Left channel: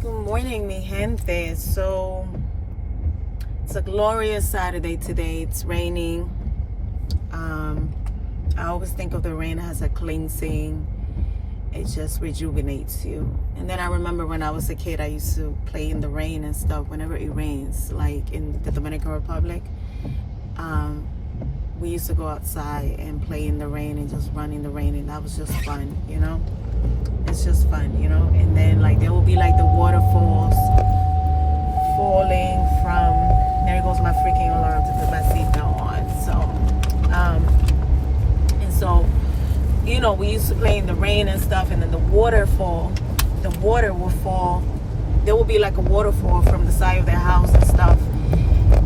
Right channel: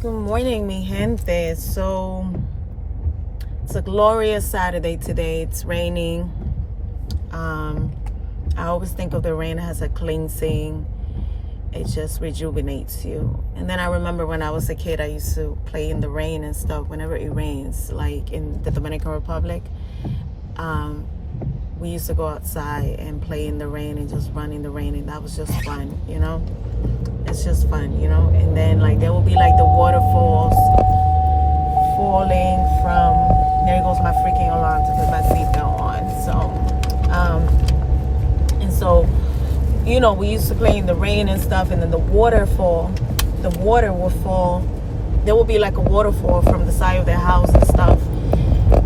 Good morning, mi gente. So it's a glorious Saturday today. It's raining. I always think of the rain as a cleansing. It just rejuvenates you. And then I remember when I was a kid, I used to play in the rain and stuff whenever it rains, like in the Dominican Republic. We used to go outside and play in the rain and just run in the rain, and that was just fun, you know? It's just fun, you know? And then like there will be like the waterfalls falling from, there goes my freaking alarm to put my seatbelt on. So, you know, we used to play in the rain and stuff, and then the water will fall. There will be like a waterfall from the side of their house and stuff.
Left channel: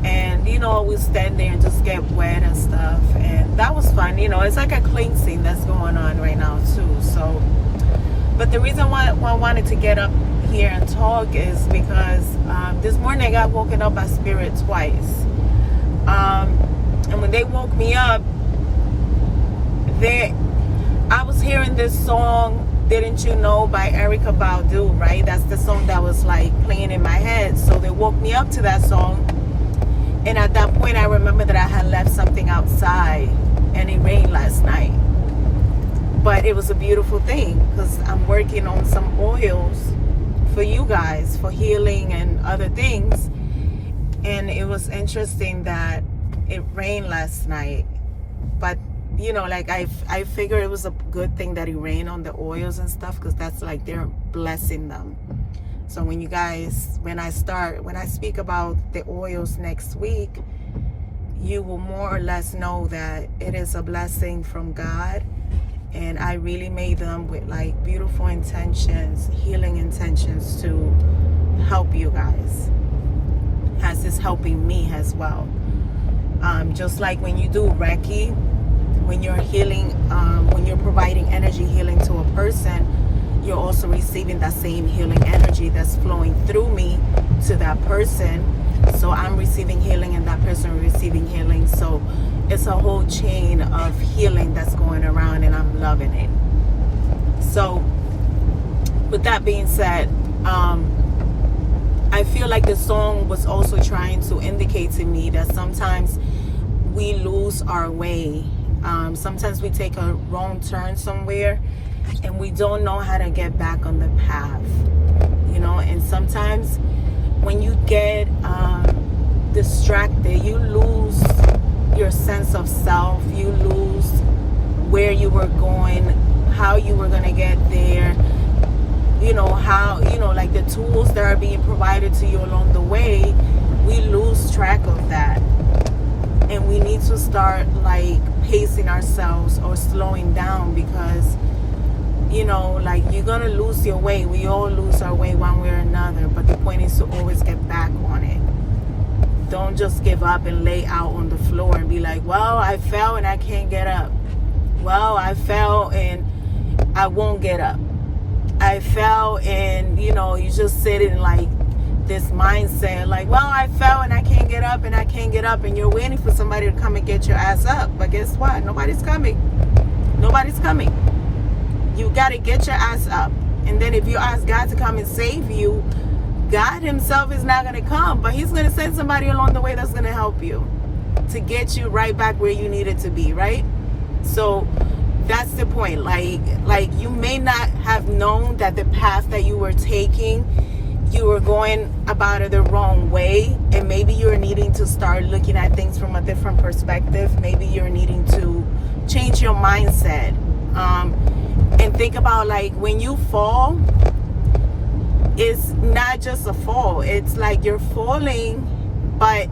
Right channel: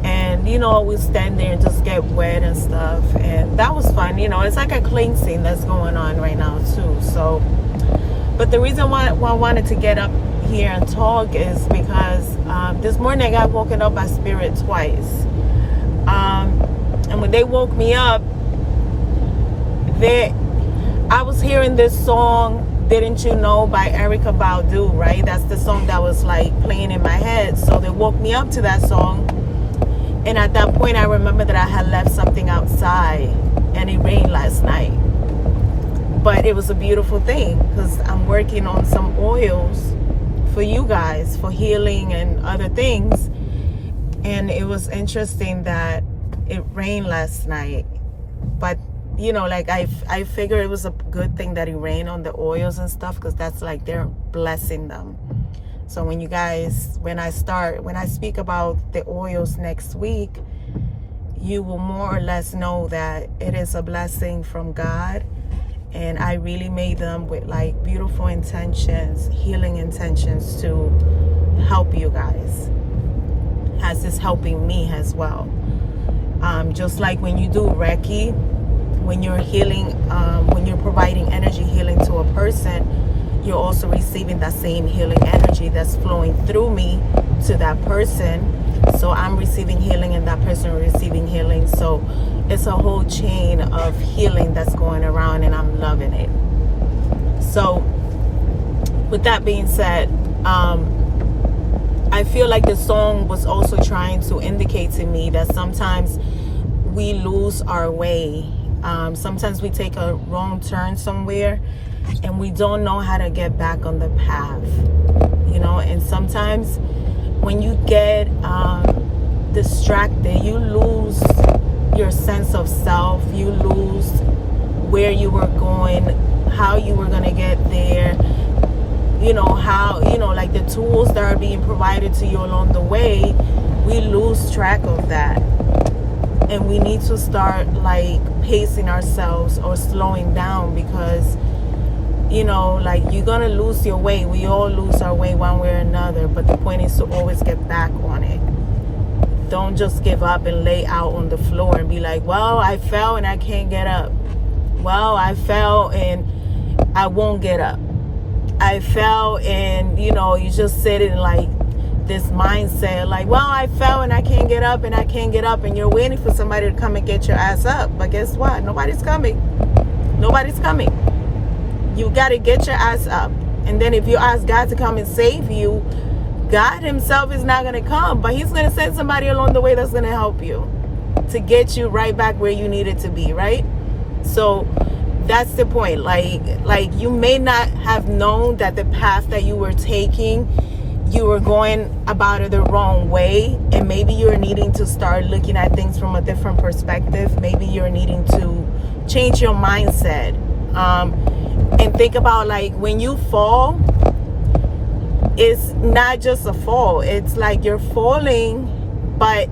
And, you know, we stand there and just get wet and stuff. And that was fun. You know, it's like a cleansing that's going on right now too. So, but the reason why I wanted to get up here and talk is because this morning I got woken up by spirit twice. And when they woke me up, I was hearing this song, Didn't You Know, by Erykah Badu, right? That's the song that was like playing in my head. So they woke me up to that song. And at that point, I remember that I had left something outside and it rained last night. But it was a beautiful thing because I'm working on some oils for you guys for healing and other things. And it was interesting that it rained last night. But you know, like I figure it was a good thing that it rained on the oils and stuff, because that's like they're blessing them. So when you guys, when I speak about the oils next week, you will more or less know that it is a blessing from God. And I really made them with like beautiful intentions, healing intentions to help you guys, as it's helping me as well. Just like when you do Reiki, when you're healing, when you're providing energy healing to a person, you're also receiving that same healing energy that's flowing through me to that person. So I'm receiving healing and that person receiving healing. So it's a whole chain of healing that's going around, and I'm loving it. So with that being said, I feel like the song was also trying to indicate to me that sometimes we lose our way. Sometimes we take a wrong turn somewhere and we don't know how to get back on the path, you know. And sometimes when you get distracted, you lose your sense of self, you lose where you were going, how you were going to get there, you know, how, you know, like the tools that are being provided to you along the way. We lose track of that. And we need to start like pacing ourselves or slowing down, because, you know, like you're going to lose your way. We all lose our way one way or another. But the point is to always get back on it. Don't just give up and lay out on the floor and be like, well, I fell and I can't get up. Well, I fell and I won't get up. I fell and, you know, you just sit in like this mindset like, well, I fell and I can't get up and I can't get up, and you're waiting for somebody to come and get your ass up. But guess what? Nobody's coming. Nobody's coming. You got to get your ass up. And then if you ask God to come and save you, God himself is not going to come, but he's going to send somebody along the way that's going to help you to get you right back where you needed to be, right? So that's the point. Like you may not have known that the path that you were taking, you were going about it the wrong way, and maybe you're needing to start looking at things from a different perspective. Maybe you're needing to change your mindset, and think about like when you fall, it's not just a fall, it's like you're falling, but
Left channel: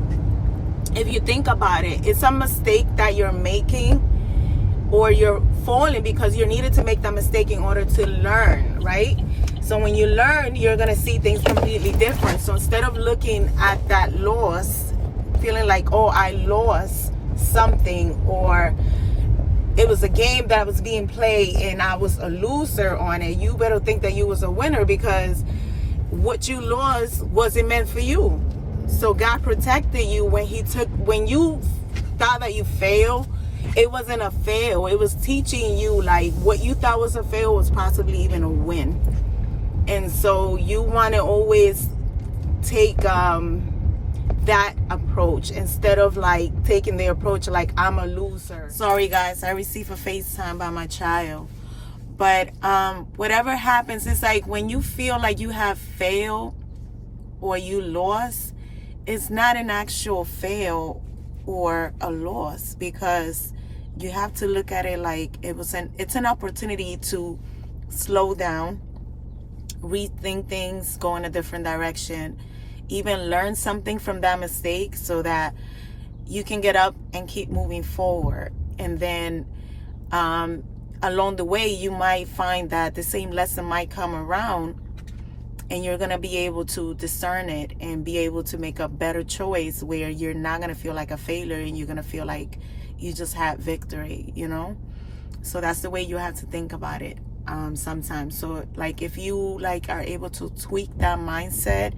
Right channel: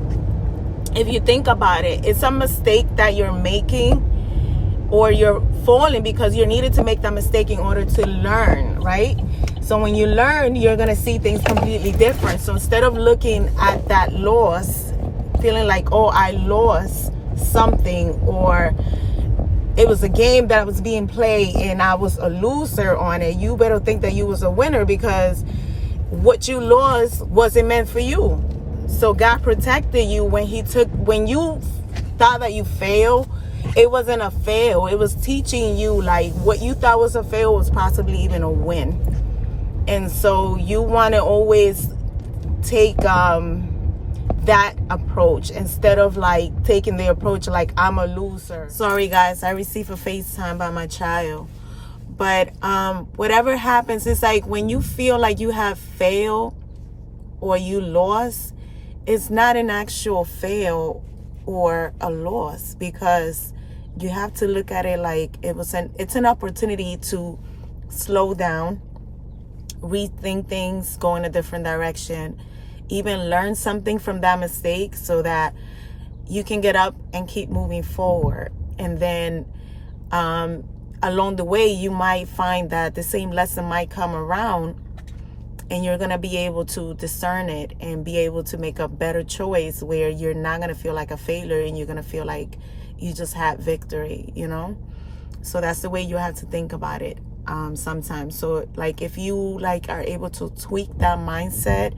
if you think about it, it's a mistake that you're making, or you're falling because you needed to make that mistake in order to learn, right? So when you learn, you're going to see things completely different. So instead of looking at that loss, feeling like, oh, I lost something, or it was a game that was being played and I was a loser on it, you better think that you was a winner, because what you lost wasn't meant for you. So God protected you when you thought that you failed. It wasn't a fail. It was teaching you like what you thought was a fail was possibly even a win. And so you want to always take that approach instead of like taking the approach like I'm a loser. Sorry guys, I received a FaceTime by my child. But whatever happens, it's like when you feel like you have failed or you lost, it's not an actual fail or a loss, because you have to look at it like it's an opportunity to slow down, rethink things, go in a different direction, even learn something from that mistake so that you can get up and keep moving forward. And then along the way, you might find that the same lesson might come around, and you're going to be able to discern it and be able to make a better choice where you're not going to feel like a failure and you're going to feel like you just had victory, you know? So that's the way you have to think about it sometimes. So like if you like are able to tweak that mindset,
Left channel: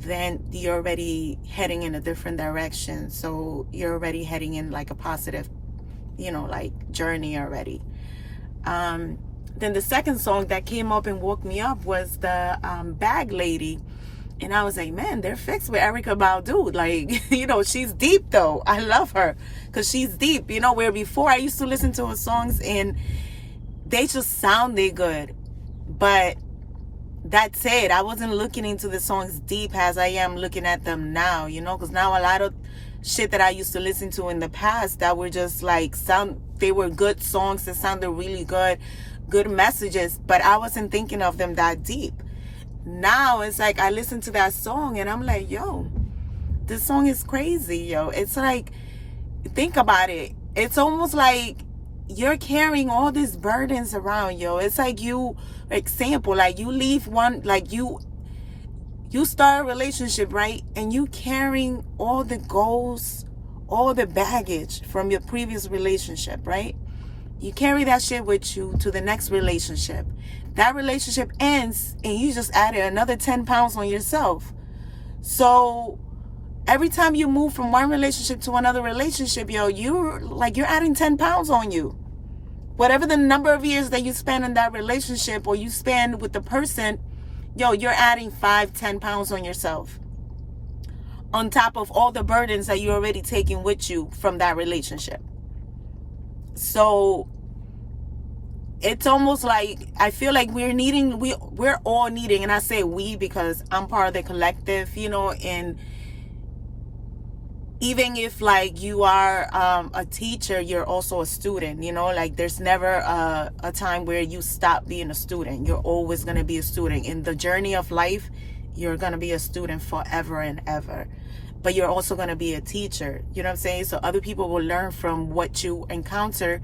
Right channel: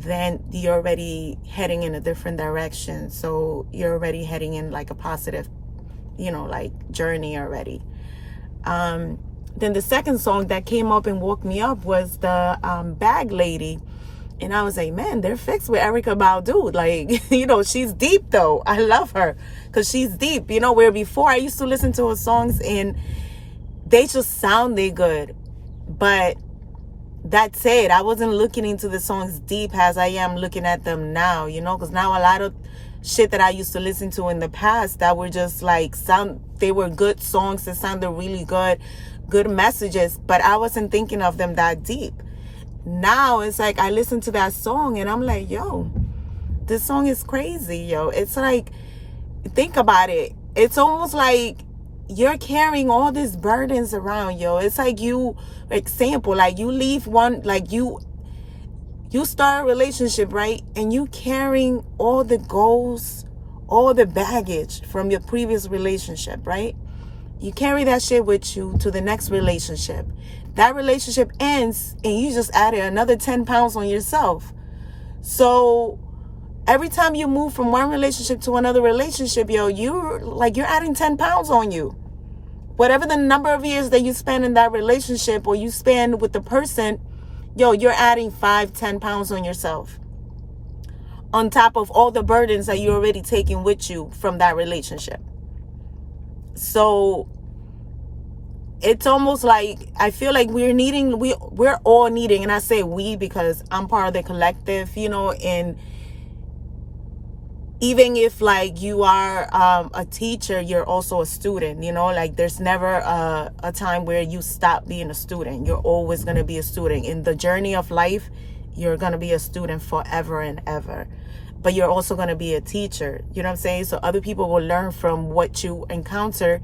then you're already heading in a different direction. So you're already heading in like a positive, you know, like journey already. Then the second song that came up and woke me up was the Bag Lady. And I was like, man, they're fixed with Erykah Badu. Like, you know, she's deep though. I love her because she's deep. You know, where before I used to listen to her songs and they just sounded good. But that said, I wasn't looking into the songs deep as I am looking at them now, you know, because now a lot of shit that I used to listen to in the past that were just like they were good songs that sounded really good messages, but I wasn't thinking of them that deep. Now it's like I listen to that song and I'm like, yo, this song is crazy, yo. It's like, think about it. It's almost like you're carrying all these burdens around, yo. It's like you, example, like you leave one, like you start a relationship, right? And you carrying all the goals, all the baggage from your previous relationship, right? You carry that shit with you to the next relationship. That relationship ends and you just added another 10 pounds on yourself. So every time you move from one relationship to another relationship, yo, you're adding 10 pounds on you. Whatever the number of years that you spend in that relationship or you spend with the person, yo, you're adding 5-10 pounds on yourself. On top of all the burdens that you're already taking with you from that relationship. So it's almost like I feel like we're all needing, and I say we because I'm part of the collective, you know, and even if like you are a teacher, you're also a student, you know, like there's never a time where you stop being a student. You're always going to be a student. In the journey of life, you're going to be a student forever and ever. But you're also going to be a teacher, you know what I'm saying? So other people will learn from what you encounter,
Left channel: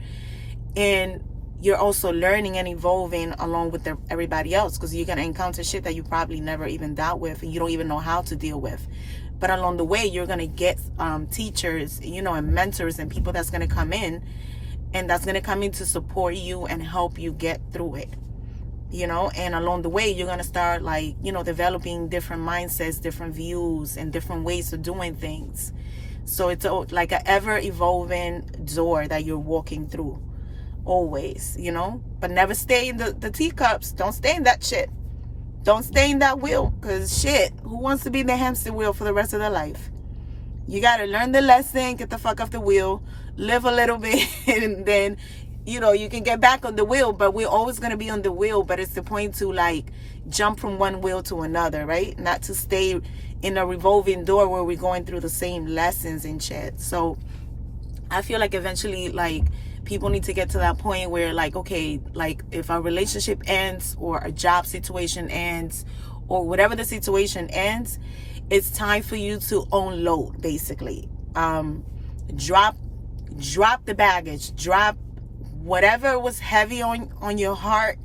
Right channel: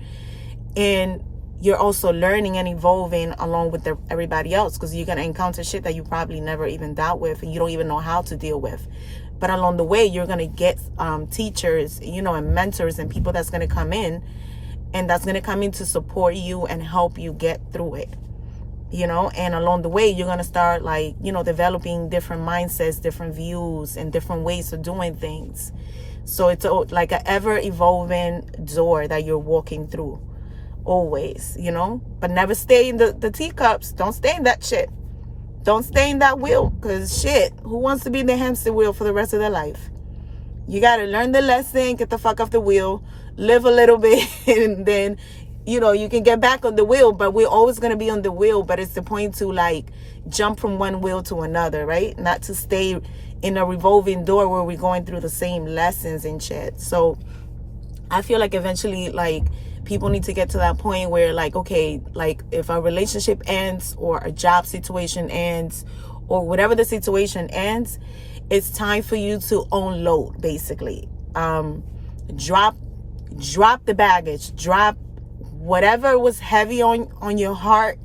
and you're also learning and evolving along with everybody else, because you're going to encounter shit that you probably never even dealt with and you don't even know how to deal with. But along the way, you're going to get teachers, you know, and mentors and people that's going to come in and that's going to come in to support you and help you get through it, you know. And along the way, you're going to start like, you know, developing different mindsets, different views and different ways of doing things. So it's like an ever evolving door that you're walking through always, you know, but never stay in the teacups. Don't stay in that shit. Don't stay in that wheel, because shit, who wants to be in the hamster wheel for the rest of their life? You got to learn the lesson, get the fuck off the wheel, live a little bit, and then, you know, you can get back on the wheel. But we're always going to be on the wheel. But it's the point to like jump from one wheel to another, right? Not to stay in a revolving door where we're going through the same lessons and shit. So I feel like eventually, like, people need to get to that point where like, okay, like if a relationship ends or a job situation ends or whatever the situation ends, it's time for you to unload, basically. Drop the baggage, drop whatever was heavy on your heart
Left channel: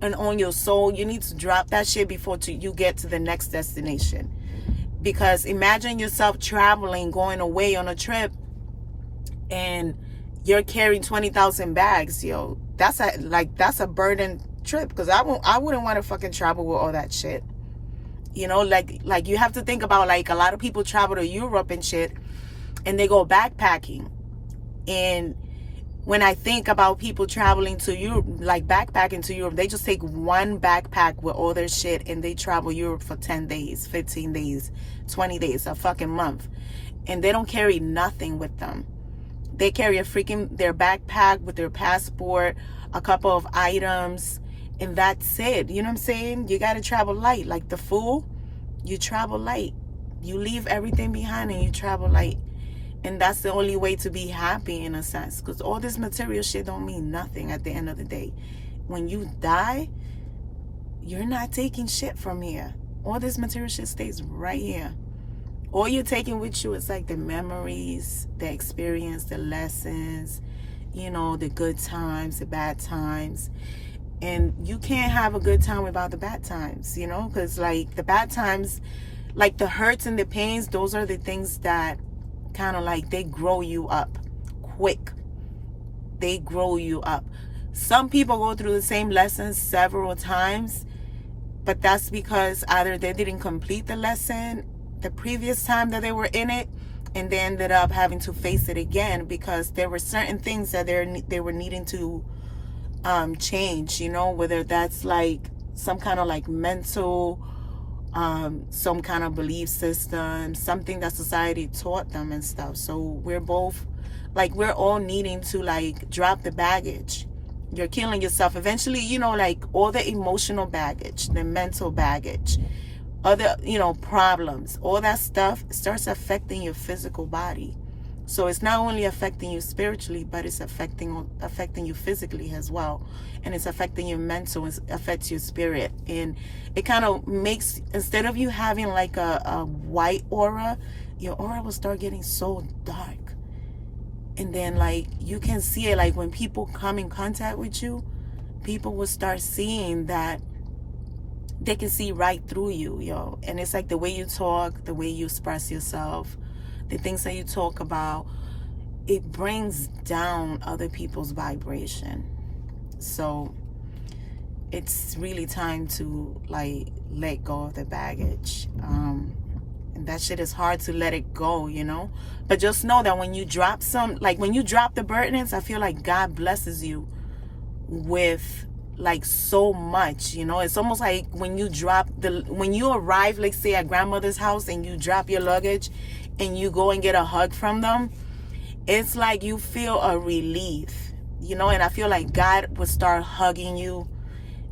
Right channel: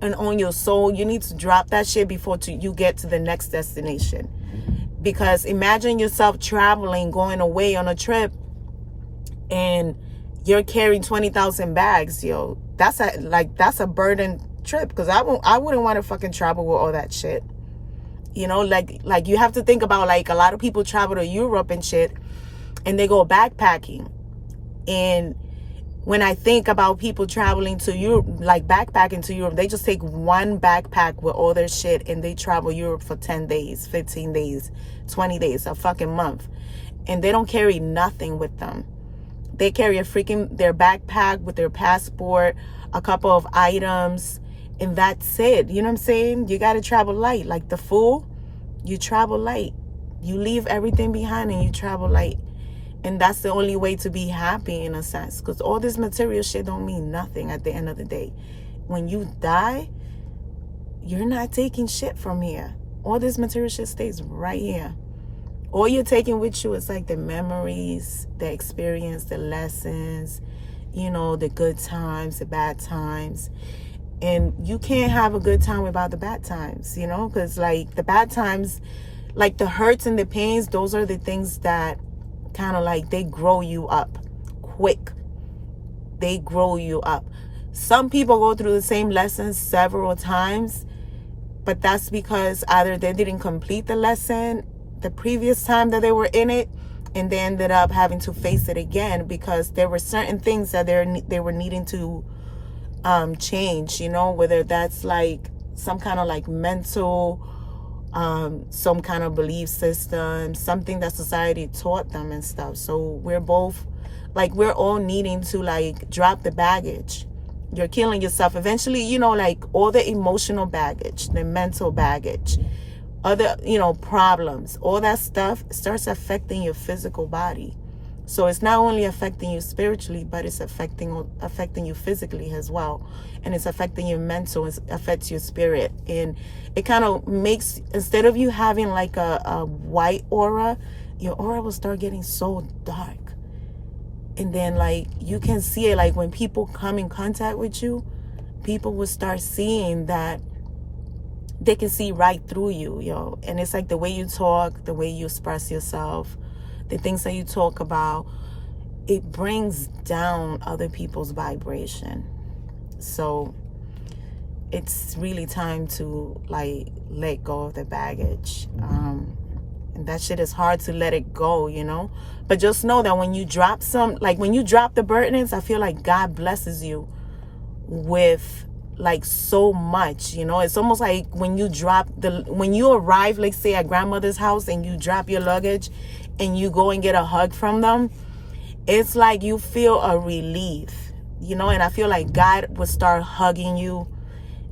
and on your soul. You need to drop that shit before you get to the next destination. Because imagine yourself traveling, going away on a trip, and you're carrying 20,000 bags, yo. That's a burden trip, because I wouldn't want to fucking travel with all that shit. You know, like you have to think about, like, a lot of people travel to Europe and shit, and they go backpacking. And When I think about people traveling to Europe, like backpacking to Europe, they just take one backpack with all their shit and they travel Europe for 10 days, 15 days, 20 days, a fucking month. And they don't carry nothing with them. They carry their backpack with their passport, a couple of items, and that's it. You know what I'm saying? You got to travel light. Like the fool, you travel light. You leave everything behind and you travel light. And that's the only way to be happy in a sense. Because all this material shit don't mean nothing at the end of the day. When you die, you're not taking shit from here. All this material shit stays right here. All you're taking with you is like the memories, the experience, the lessons, you know, the good times, the bad times. And you can't have a good time without the bad times, you know, because like the bad times, like the hurts and the pains, those are the things that kind of like they grow you up quick. They grow you up. Some people go through the same lessons several times, but that's because either they didn't complete the lesson the previous time that they were in it, and they ended up having to face it again because there were certain things that they were needing to change, you know, whether that's like some kind of like mental some kind of belief system, something that society taught them and stuff. So we're all needing to like drop the baggage. You're killing yourself eventually, you know, like all the emotional baggage, the mental baggage, other, you know, problems, all that stuff starts affecting your physical body. So it's not only affecting you spiritually, but it's affecting you physically as well. And it's affecting your mental, it affects your spirit. And it kind of makes, instead of you having like a white aura, your aura will start getting so dark. And then like you can see it, like when people come in contact with you, people will start seeing that they can see right through you, yo. And it's like the way you talk, the way you express yourself, the things that you talk about, it brings down other people's vibration. So it's really time to like let go of the baggage. And that shit is hard to let it go, you know. But just know that when you drop when you drop the burdens, I feel like God blesses you with like so much, you know. It's almost like when you arrive, like say at grandmother's house and you drop your luggage and you go and get a hug from them, it's like you feel a relief, you know. And I feel like God would start hugging you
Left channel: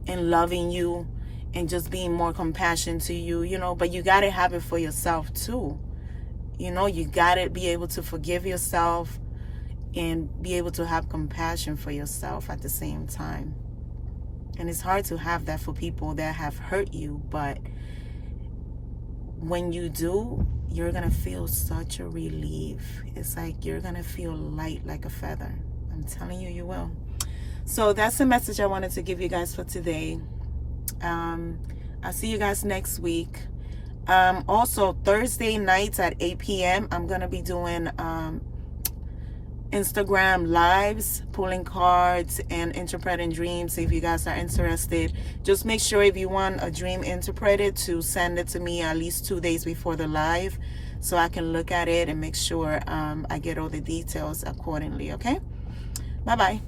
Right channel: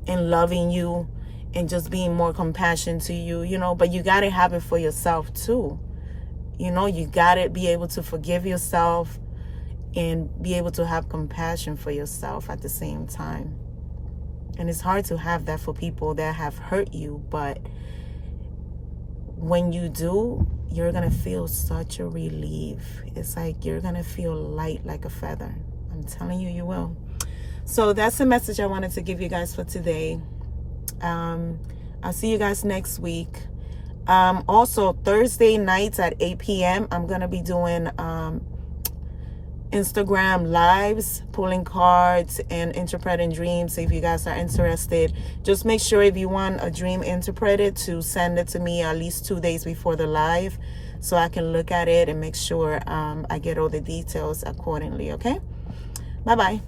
and loving you and just being more compassionate to you, you know. But you got to have it for yourself too, you know. You got to be able to forgive yourself and be able to have compassion for yourself at the same time. And it's hard to have that for people that have hurt you, but when you do, you're going to feel such a relief. It's like you're going to feel light like a feather. I'm telling you, you will. So that's the message I wanted to give you guys for today. I'll see you guys next week. Also, Thursday nights at 8 p.m., I'm going to be doing Instagram lives, pulling cards and interpreting dreams. If you guys are interested, just make sure if you want a dream interpreted to send it to me at least 2 days before the live so I can look at it and make sure I get all the details accordingly. Okay, bye bye.